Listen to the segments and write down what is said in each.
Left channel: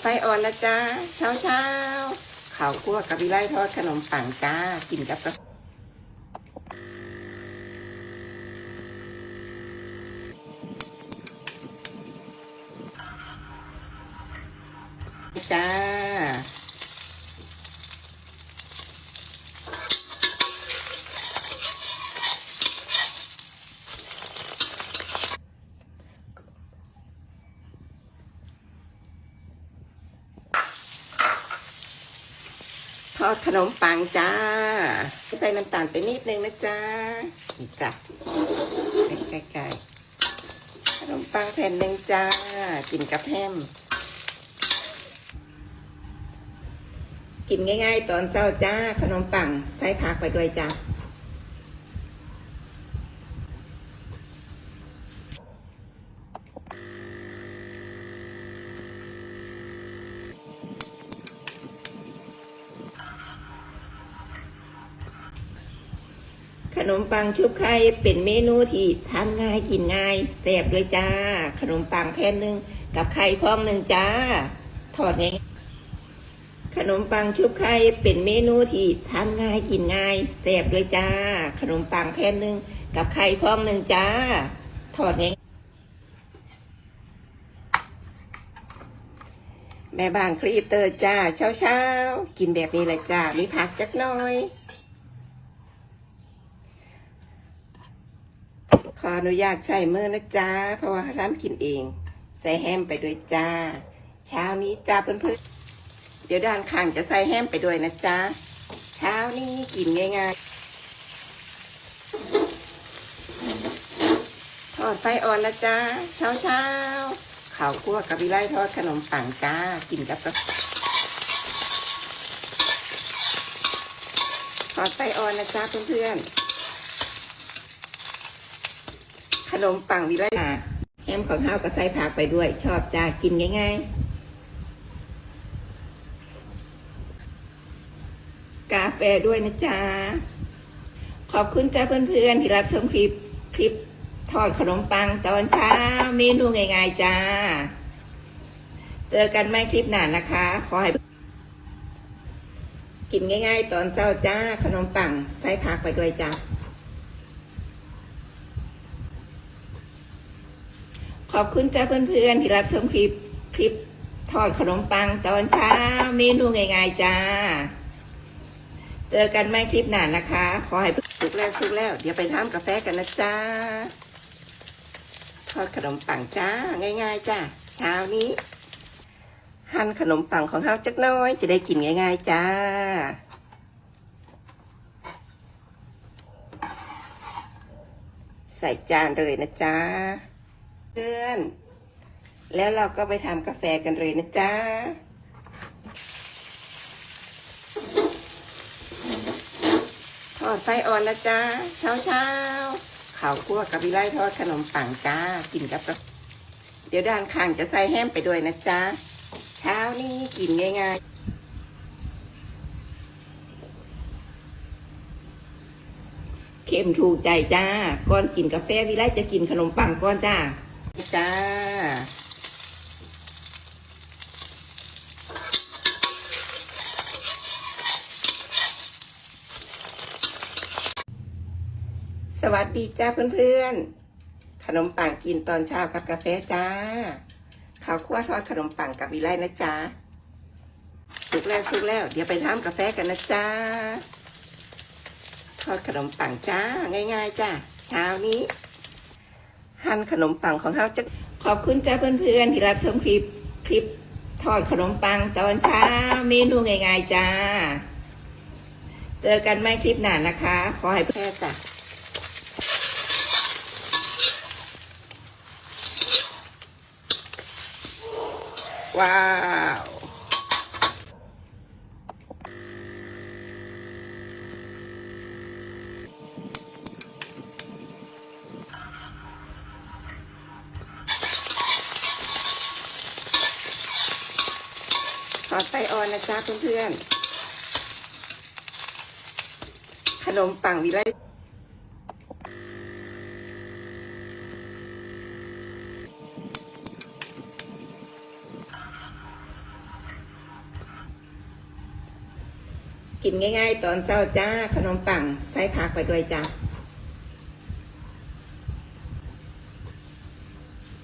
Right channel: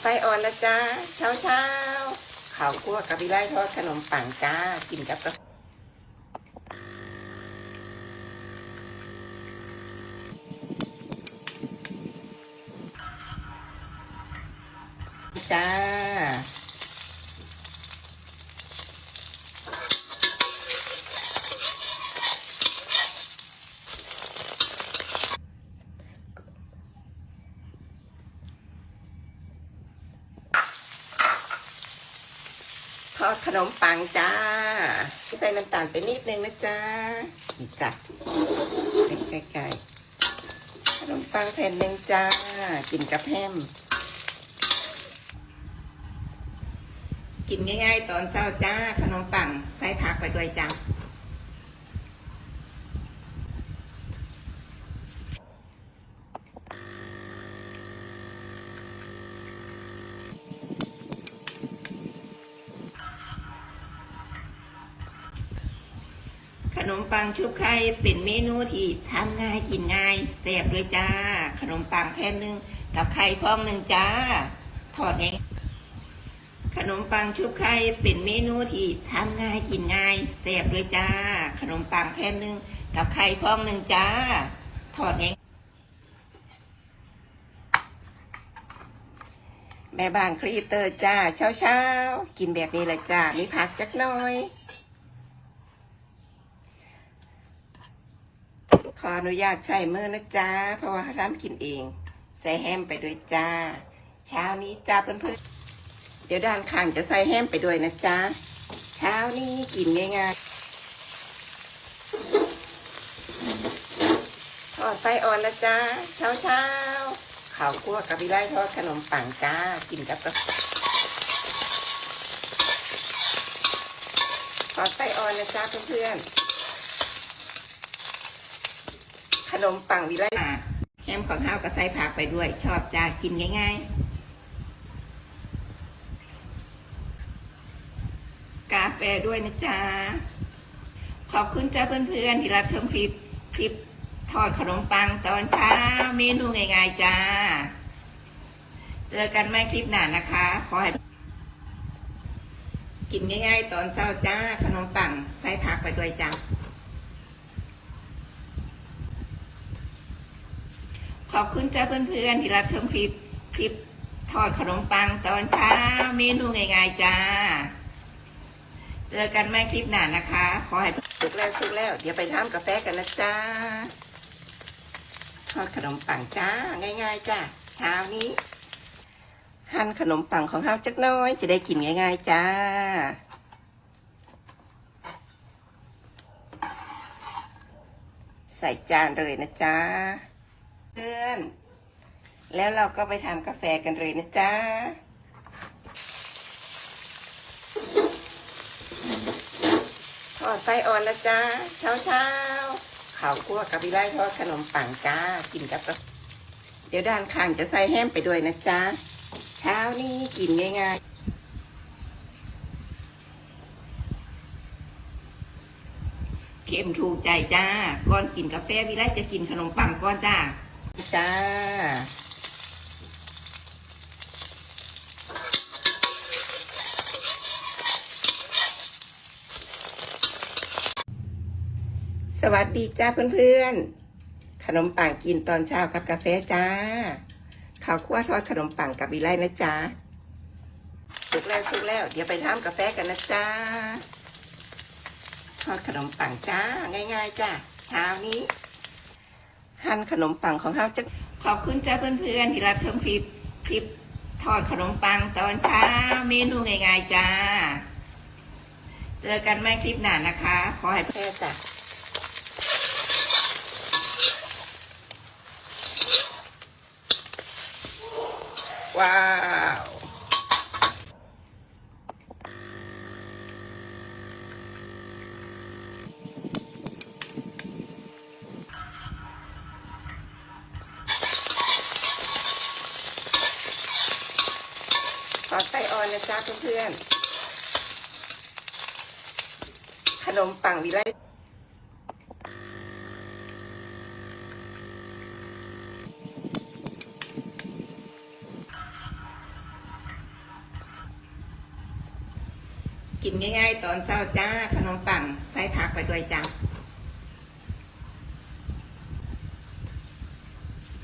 ไฟอ่อนแล้วจ้าเช้าเช้าข้าวคั่วกับวิไลทอดขนมปังจ้ากินกับกาจ้า ขนมปังจ้าใส่น้ำตาลไปนิดนึงนะจ้านี่จ้ะใกล้ๆขนมปังแผ่นหนึ่งจ้า กินกับแฮมกินง่ายๆ ตอนเช้าจ้า ขนมปังใส่ผักไปด้วยจ้า ขนมปังชุบไข่เป็นเมนูที่ทำง่ายกินง่ายแซ่บด้วยจ้า ขนมปังแผ่นหนึ่งกับไข่ฟองหนึ่งจ้า ทอดง่ายขนมปังชุบไข่เป็นเมนูที่ทำง่ายกินง่ายแซ่บด้วยจ้า ขนมปังแผ่นหนึ่งกับไข่ฟองหนึ่งจ้า ทอดง่ายแม่บ้านครีเตอร์จ้าเช้าเช้าๆกินแบบนี้แหละจ้ามีผักจักหน่อย ข ออนุญาตใช้มือนะจ๊ะเพราะว่าทำกินเอง ใส่แฮมไปด้วยจ้า เช้านี้จ้าเพื่อนๆเดี๋ยวด้านข้างจะใส่แฮมไปด้วยนะจ๊ะเช้านี้กินง่ายๆอ่อนไฟอ่อนแล้วจ้าเช้าเช้าข้าวคั่วกับวิไลทอดขนมปังจ้ากินกับกาแฟข้าวไฟอ่อนนะจ้าเพื่อนๆ ข นมปังวิไลแฮมของข้าวก็ใส่ผักไปด้วย ชอบจ้ากินง่าย ๆ กาแฟด้วยนะจ๊ะ ขอบคุณจ้าเพื่อนๆ ที่รับชมคลิปคลิปทอดขนมปังตอนเช้าเมนูง่ายๆจ้า เจอกันไม่คลิปหน้านะคะ ขอให้กินง่าย ๆ ตอนเช้าจ้า ขนมปังใส่ผักไปด้วยจ้า ขอบคุณจ้าเพื่อนๆที่รับชมคลิปคลิปทอดขนมปังตอนเช้าเมนูง่ายๆจ้า เจอกันไม่คลิปหน้านะคะ ขอให้ทุกเรื่องทุกแล้วเดี๋ยวไปทำกาแฟกันนะจ้า ทอดขนมปังจ้า ง่ายๆจ้าเช้านี้หั่นขนมปังของเราจักน้อยจะได้กินง่ายๆจ้าใส่จานเลยนะจ้า พื่อนแล้วเราก็ไปทำกาแฟกันเลยนะจ๊ะ ไฟอ่อนแล้วจ้าเช้าเช้าข้าวคั่วกับวิไลทอดขนมปังจ้า กินกับเดี๋ยวด้านข้างจะใส่แฮมไปด้วยนะจ๊ะ เช้านี้กินง่ายๆเค็มถูกใจจ้า ก่อนกินกาแฟวิไลจะกินขนมปังก่อนจ้า จ้าสวัสดีจ้าเพื่อนๆ ขนมปังกินตอนเช้ากับกาแฟจ้า ข้าวคั่วทอดขนมปังกับวิไลนะจ๊ะถูกแล้วถูกแล้วเดี๋ยวไปทำกาแฟกันนะจ้า ทอดขนมปังจ้า ง่ายๆจ้าเช้านี้ หั่นขนมปังของเราจะขอบคุณจ้าเพื่อนๆที่รับชมคลิปคลิปทอดขนมปังตอนเช้าเมนูง่ายๆจ้า เจอกันไม่คลิปหน้านะคะ ขอให้เพื่อนจ้ะว้าว ลงเป่าอีกแล้วกินง่าย ๆ ตอนเช้าจ้า ขนมปังไส้ผักไปด้วยจ้า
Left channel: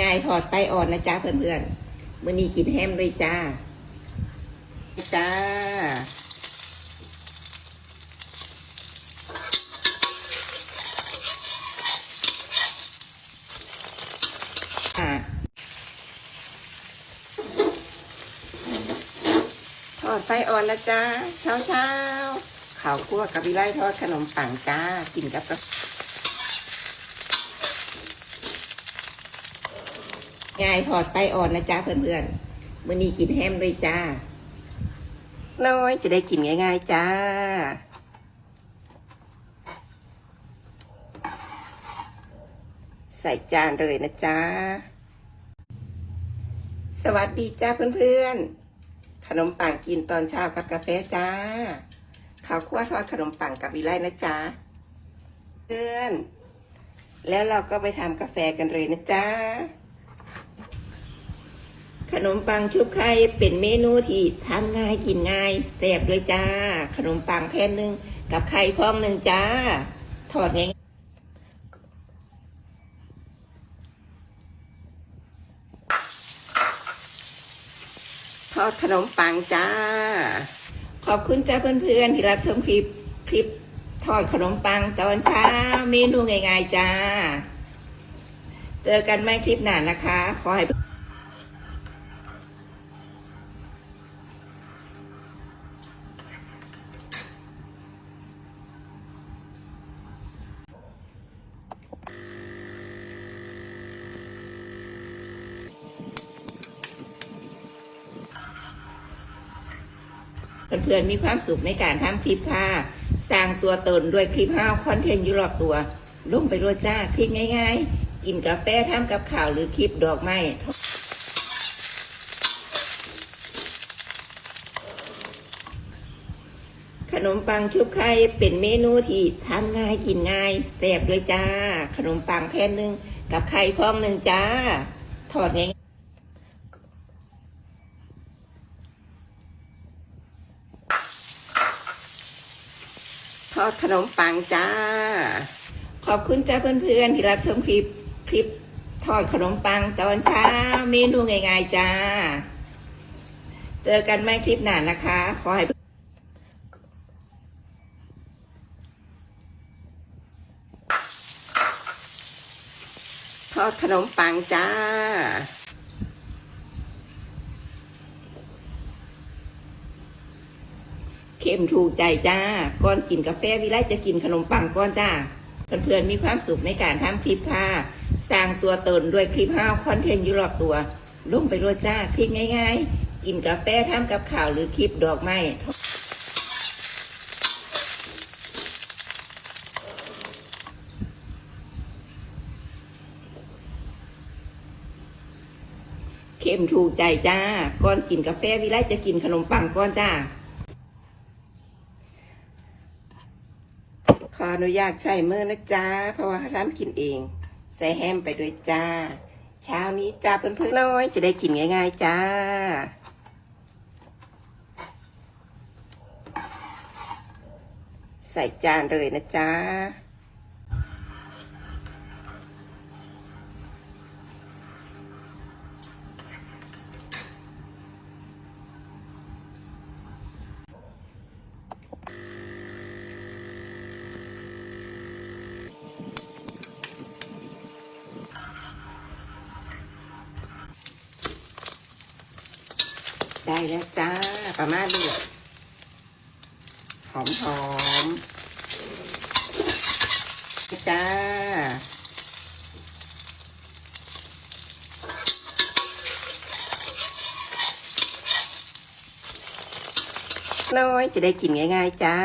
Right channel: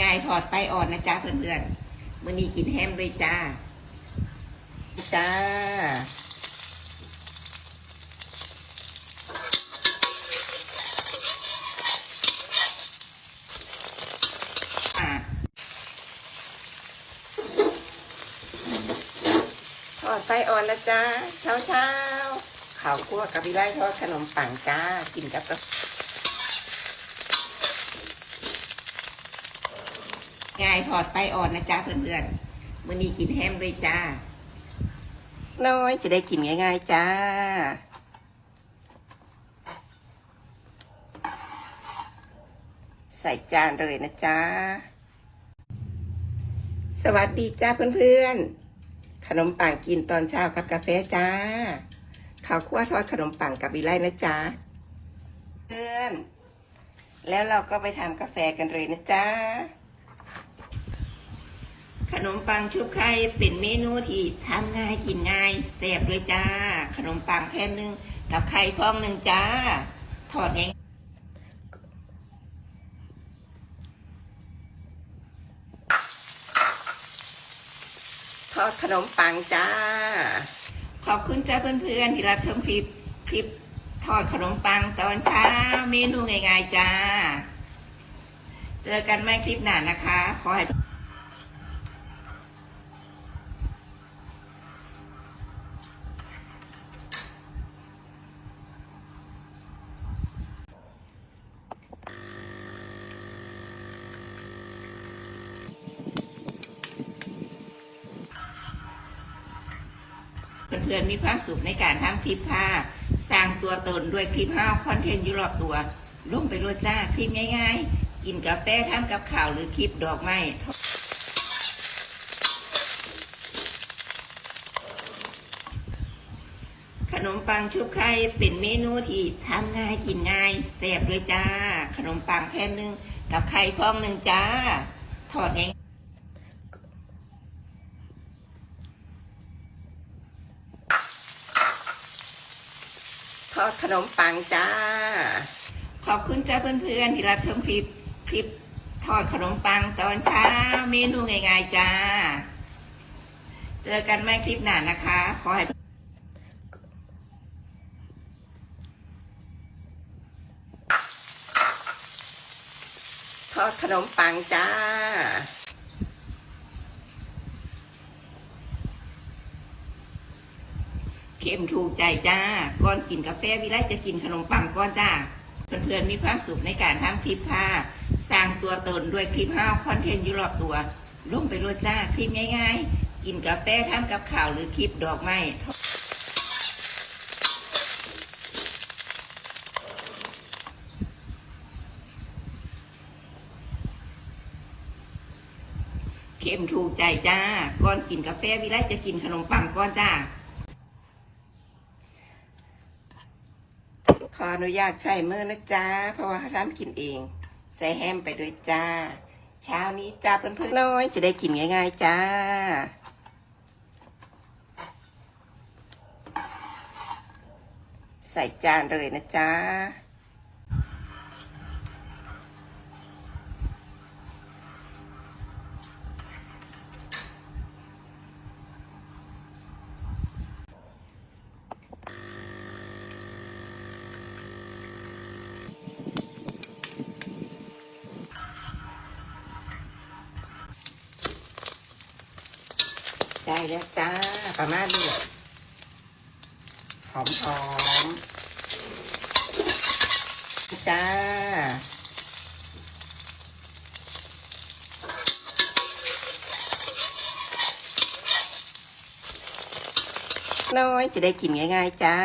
ง่ายพอดไตอ่อนนะจ้าเพื่อนๆมื่อนี้กินแฮมเลยจ้าจ้า ไฟอ่อนแล้วจ้าเช้าเช้าข้าวคั่วกับวิไลทอดขนมปังจ้ากินกับกาแฟง่ายทอดไฟอ่อนนะจ้าเพื่อนๆมื่อนี้กินแฮมเลยจ้า น้อยจะได้กินง่ายๆจ้าใส่จานเลยนะจ้าสวัสดีจ้าเพื่อนๆ ขนมปังกินตอนเช้ากับกาแฟจ้าข้าวคั่วทอดขนมปังกับวิไลนะจ้าเพื่อนแล้วเราก็ไปทำกาแฟกันเลยนะจ้าขนมปังชุบไข่เป็นเมนูที่ทำง่ายกินง่ายแซ่บด้วยจ้า ขนมปังแผ่นหนึ่งกับไข่ฟองหนึ่งจ้า ทอดง่ายทอดข นมปังจ้า ขอบคุณจ้าเพื่อนๆที่รับชมคลิปคลิปทอดขนมปังตอนเช้าเมนูง่ายๆจ้า เจอกันไม่คลิปหน้านะคะ ขอให้ เพื่อนๆมีความสุขในการทำคลิปค่ะ สร้างตัวตนด้วยคลิปห้าวคอนเทนต์อยู่รอบตัวลงไปรวดจ้าคลิปง่ายๆ กินกาแฟทำกับข่าวหรือคลิปดอกไม้ขนมปังชุบไข่เป็นเมนูที่ทำง่ายกินง่ายแซ่บด้วยจ้า ขนมปังแผ่นหนึ่งกับไข่ฟองหนึ่งจ้า ทอดง่าย อดขนมปังจ้า ขอบคุณจ้าเพื่อนๆที่รับชมคลิปคลิปทอดขนมปังตอนเช้าเมนูง่ายๆจ้า เจอกันไม่คลิปหน้านะคะ ขอให้ทอดขนมปังจ้า เค็มถูกใจจ้าก่อนกินกาแฟวิไลจะกินขนมปังก่อนจ้าเพื่อนๆมีความสุขในการทำคลิปค่ะสร้างตัวตนด้วยคลิปห้าวคอนเทนต์อยู่รอบตัวลงไปรวจ้าคลิปง่ายๆ กินกาแฟทำกับข่าวหรือคลิปดอกไม้เค็มถูกใจจ้าก่อนกินกาแฟวิไลจะกินขนมปังก่อนจ้า ข ออนุญาตใช้มือนะจ๊ะ เพราะว่าทำกินเอง ใส่แฮมไปด้วยจ้า เช้านี้จ้าเพื่อนๆน้อยจะได้กินง่าย ๆ จ้าใส่จานเลยนะจ๊ะ ได้แล้วจ้าประมาณนี้เลยหอมหอมๆจ้าน้อยจะได้กินง่าย ๆ จ้า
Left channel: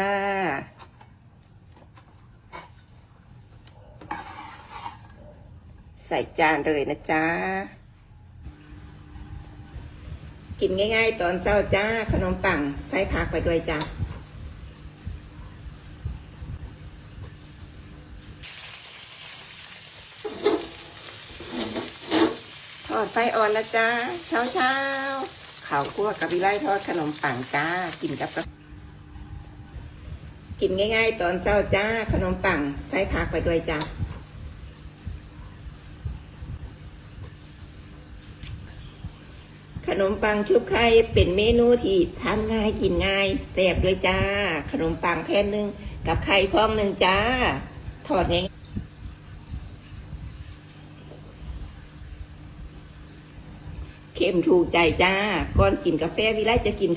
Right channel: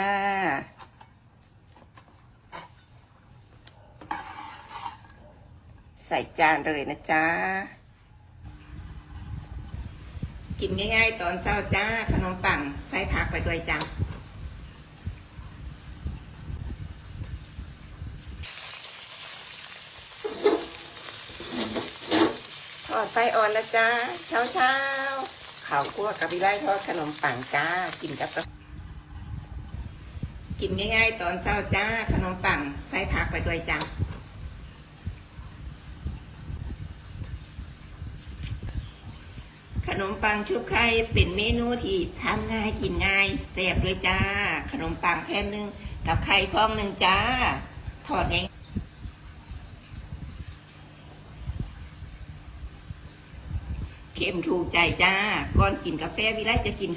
ใส่จานเลยนะจ้า กินง่าย ๆ ตอนเช้าจ้า ขนมปังใส่ผักไปด้วยจ้าไฟอ่อนแล้วจ้าเช้าเช้าข้าวคั่วกับวิไลทอดขนมปังจ้า กินกับกากินง่าย ๆ ตอนเช้าจ้า ขนมปังใส่ผักไปด้วยจ้า ขนมปังชุบไข่เป็นเมนูที่ทำง่ายกินง่ายแซ่บด้วยจ้า ขนมปังแผ่นหนึ่งกับไข่ฟองหนึ่งจ้า ทอดง่ายเค็มถูกใจจ้า ก่อนกินกาแฟวิไลจะกิน